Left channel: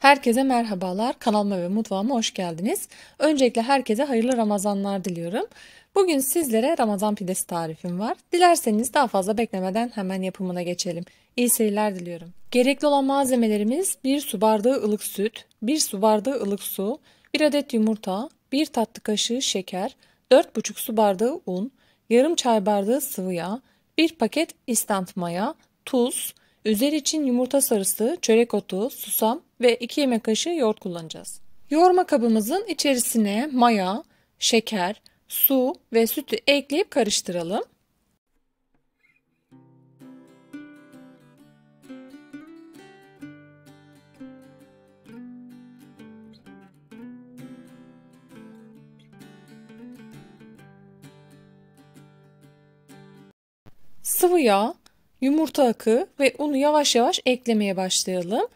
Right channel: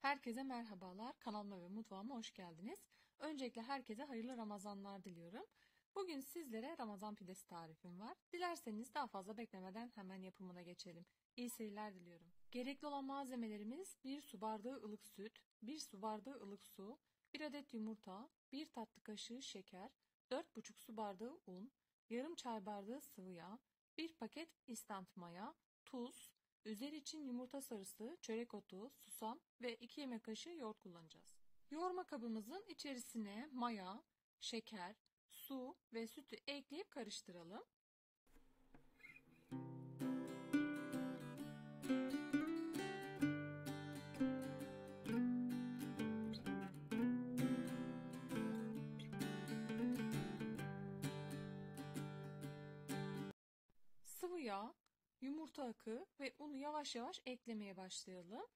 Herkese merhabalar. Kanalıma ve mutfağıma hoş geldiniz. Öncelikle herkese hayırlı Ramazanlar diliyorum. Bugün sizlere Ramazan pidesi tarifim var. Dilerseniz daha fazla beklemeden hemen yapımına geçelim. İyi seyirler diliyorum. Gerekli olan malzemelerimiz 1 su bardağı ılık süt, 1 su bardağı ılık su, 1 adet yumurta, 1 tatlı kaşığı şeker, 4,5 su bardağı un, yarım çay bardağı sıvı yağ, 1 paket instant maya, tuz, üzeri için yumurta sarısı, çörek otu, susam ve 2 yemek kaşığı yoğurt kullanacağız. Yoğurma kabımızın içerisine maya, şeker, su ve sütü ekleyip karıştıralım. Sıvı yağ, yumurta akı ve unu yavaş yavaş eklemeye başlayalım.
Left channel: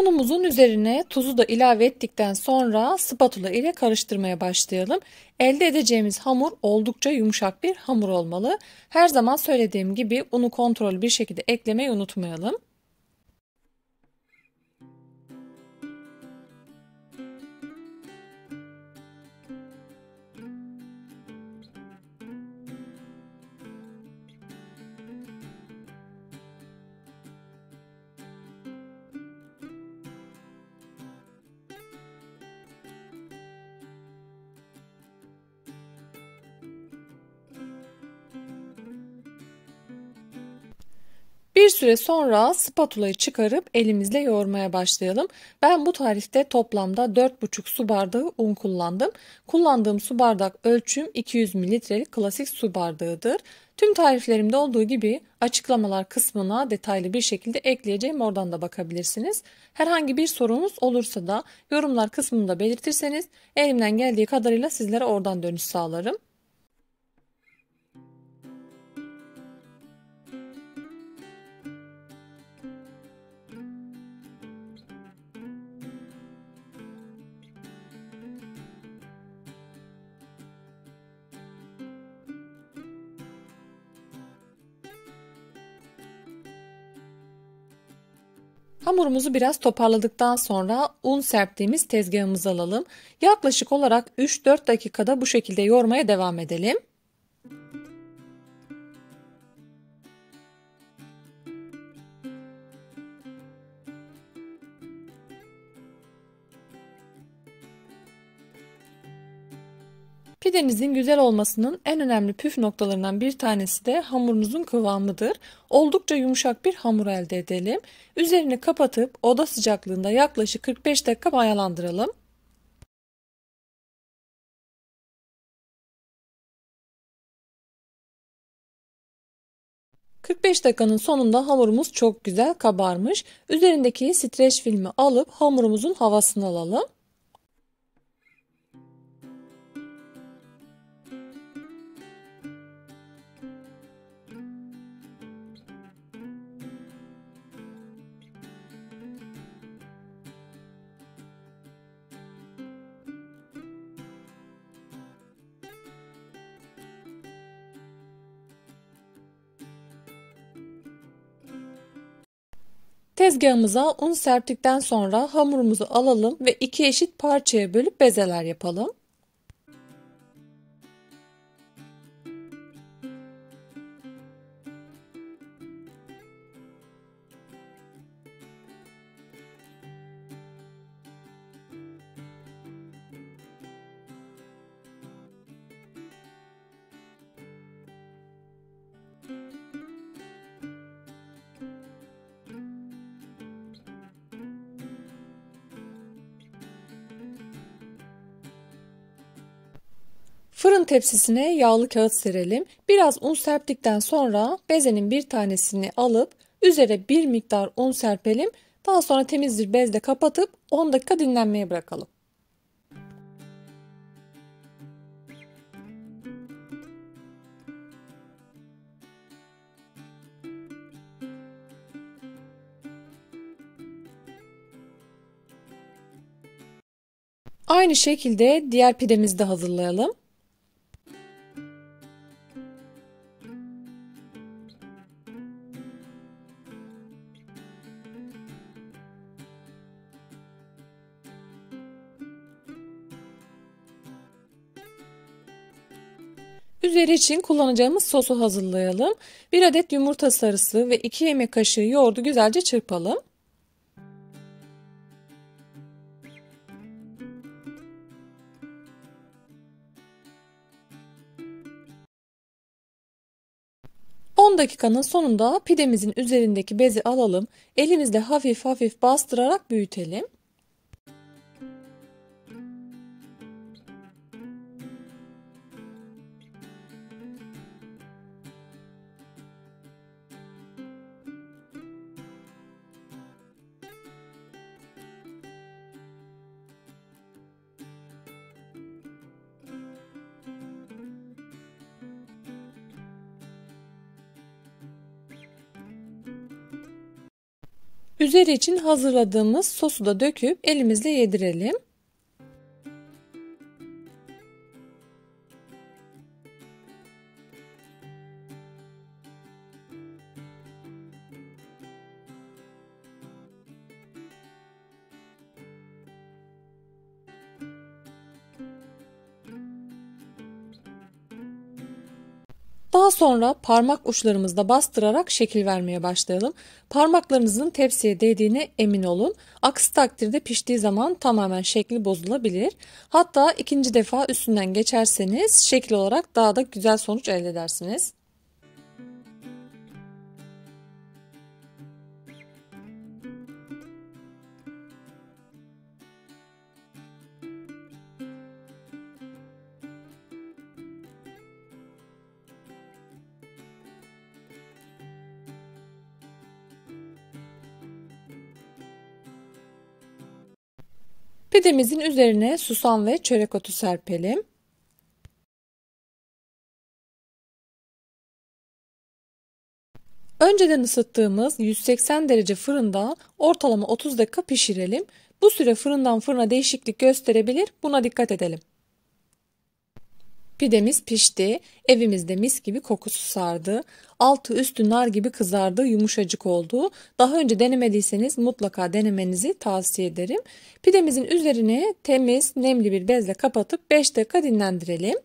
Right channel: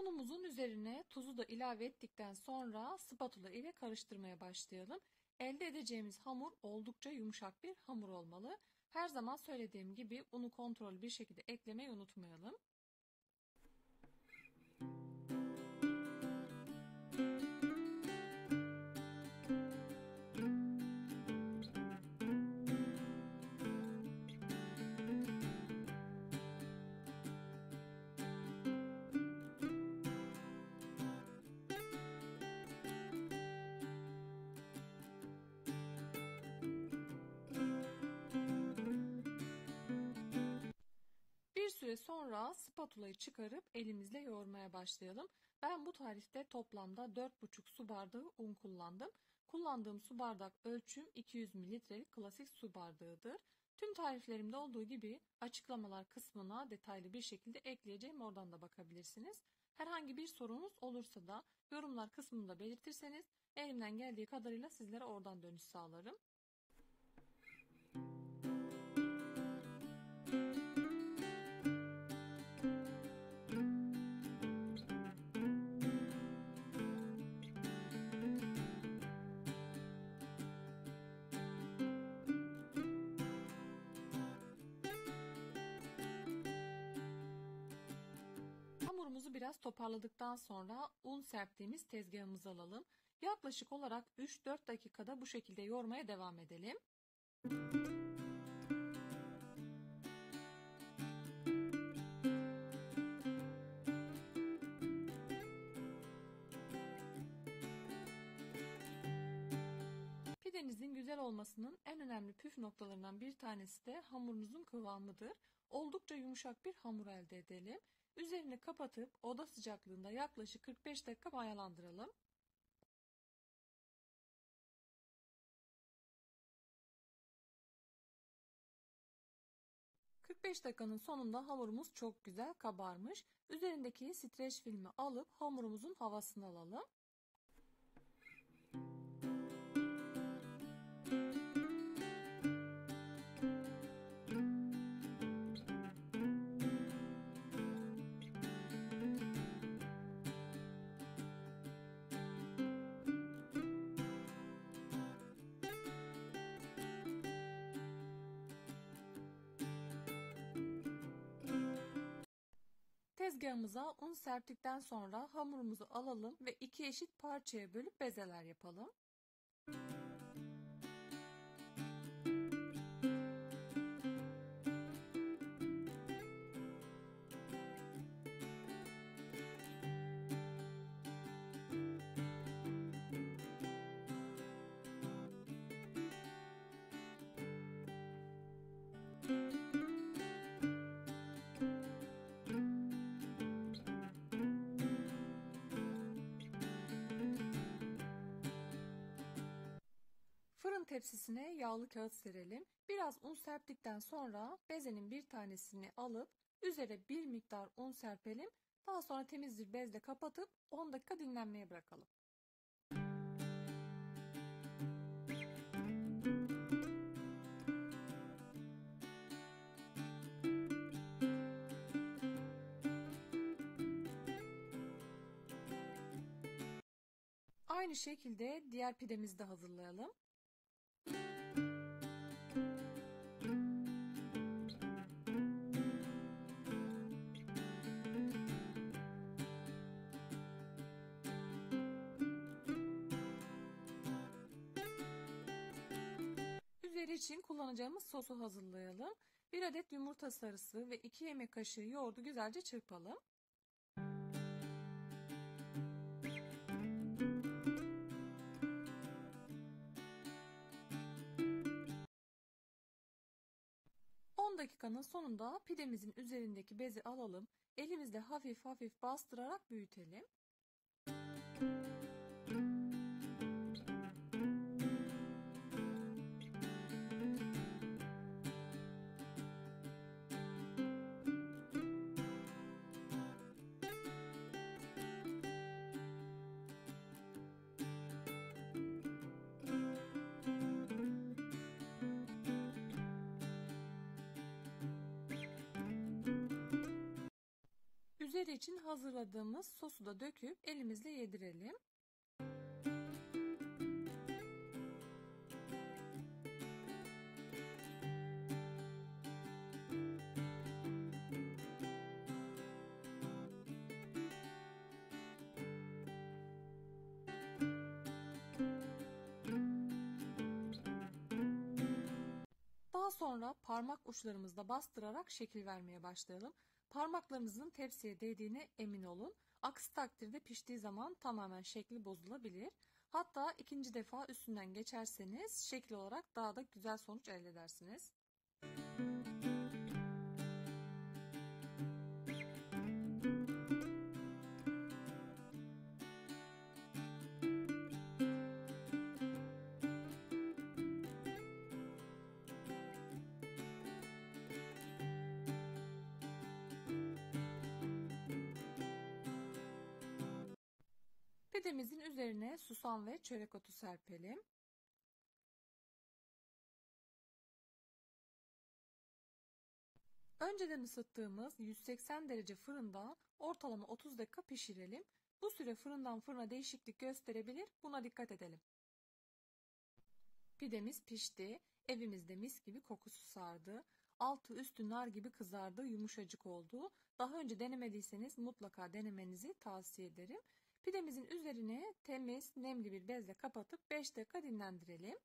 Unumuzun üzerine tuzu da ilave ettikten sonra spatula ile karıştırmaya başlayalım. Elde edeceğimiz hamur oldukça yumuşak bir hamur olmalı. Her zaman söylediğim gibi unu kontrollü bir şekilde eklemeyi unutmayalım. Bir süre sonra spatulayı çıkarıp elimizle yoğurmaya başlayalım. Ben bu tarifte toplamda 4,5 su bardağı un kullandım. Kullandığım su bardak ölçüm 200 mililitrelik klasik su bardağıdır. Tüm tariflerimde olduğu gibi açıklamalar kısmına detaylı bir şekilde ekleyeceğim. Oradan da bakabilirsiniz. Herhangi bir sorunuz olursa da yorumlar kısmında belirtirseniz elimden geldiği kadarıyla sizlere oradan dönüş sağlarım. Hamurumuzu biraz toparladıktan sonra un serptiğimiz tezgahımızı alalım. Yaklaşık olarak 3-4 dakikada bu şekilde yoğurmaya devam edelim. Pidenizin güzel olmasının en önemli püf noktalarından bir tanesi de hamurunuzun kıvamıdır. Oldukça yumuşak bir hamur elde edelim. Üzerini kapatıp oda sıcaklığında yaklaşık 45 dakika mayalandıralım. ...45 dakikanın sonunda hamurumuz çok güzel kabarmış. Üzerindeki streç filmi alıp hamurumuzun havasını alalım. Tezgahımıza un serptikten sonra hamurumuzu alalım ve 2 eşit parçaya bölüp bezeler yapalım. Fırın tepsisine yağlı kağıt serelim. Biraz un serptikten sonra bezenin bir tanesini alıp üzere bir miktar un serpelim. Daha sonra temiz bir bezle kapatıp 10 dakika dinlenmeye bırakalım. Aynı şekilde diğer pidemizi de hazırlayalım. Üzeri için kullanacağımız sosu hazırlayalım. 1 adet yumurta sarısı ve 2 yemek kaşığı yoğurdu güzelce çırpalım. On dakikanın sonunda pidemizin üzerindeki bezi alalım. Elimizle hafif hafif bastırarak büyütelim. Üzeri için hazırladığımız sosu da döküp elimizle yedirelim. Daha sonra parmak uçlarımızla bastırarak şekil vermeye başlayalım. Parmaklarınızın tepsiye değdiğine emin olun. Aksi takdirde piştiği zaman tamamen şekli bozulabilir. Hatta ikinci defa üstünden geçerseniz şekil olarak daha da güzel sonuç elde edersiniz. Pidemizin üzerine susam ve çörek otu serpelim. Önceden ısıttığımız 180 derece fırında ortalama 30 dakika pişirelim. Bu süre fırından fırına değişiklik gösterebilir. Buna dikkat edelim. Pidemiz pişti. Evimizde mis gibi kokusu sardı. Altı üstü nar gibi kızardı, yumuşacık oldu. Daha önce denemediyseniz mutlaka denemenizi tavsiye ederim. Pidemizin üzerine temiz, nemli bir bezle kapatıp 5 dakika dinlendirelim.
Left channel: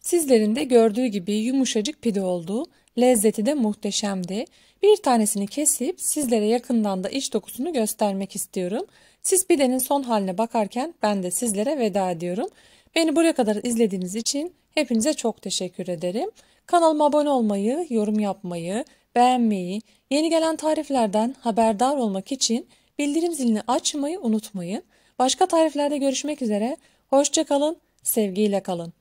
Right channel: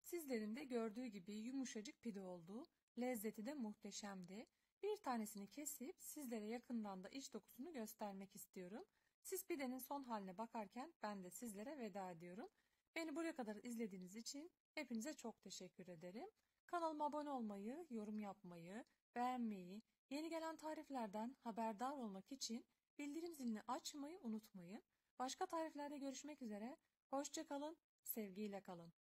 Sizlerin de gördüğü gibi yumuşacık pide oldu. Lezzeti de muhteşemdi. Bir tanesini kesip sizlere yakından da iç dokusunu göstermek istiyorum. Siz pidenin son haline bakarken ben de sizlere veda ediyorum. Beni buraya kadar izlediğiniz için hepinize çok teşekkür ederim. Kanalıma abone olmayı, yorum yapmayı, beğenmeyi, yeni gelen tariflerden haberdar olmak için bildirim zilini açmayı unutmayın. Başka tariflerde görüşmek üzere. Hoşça kalın, sevgiyle kalın.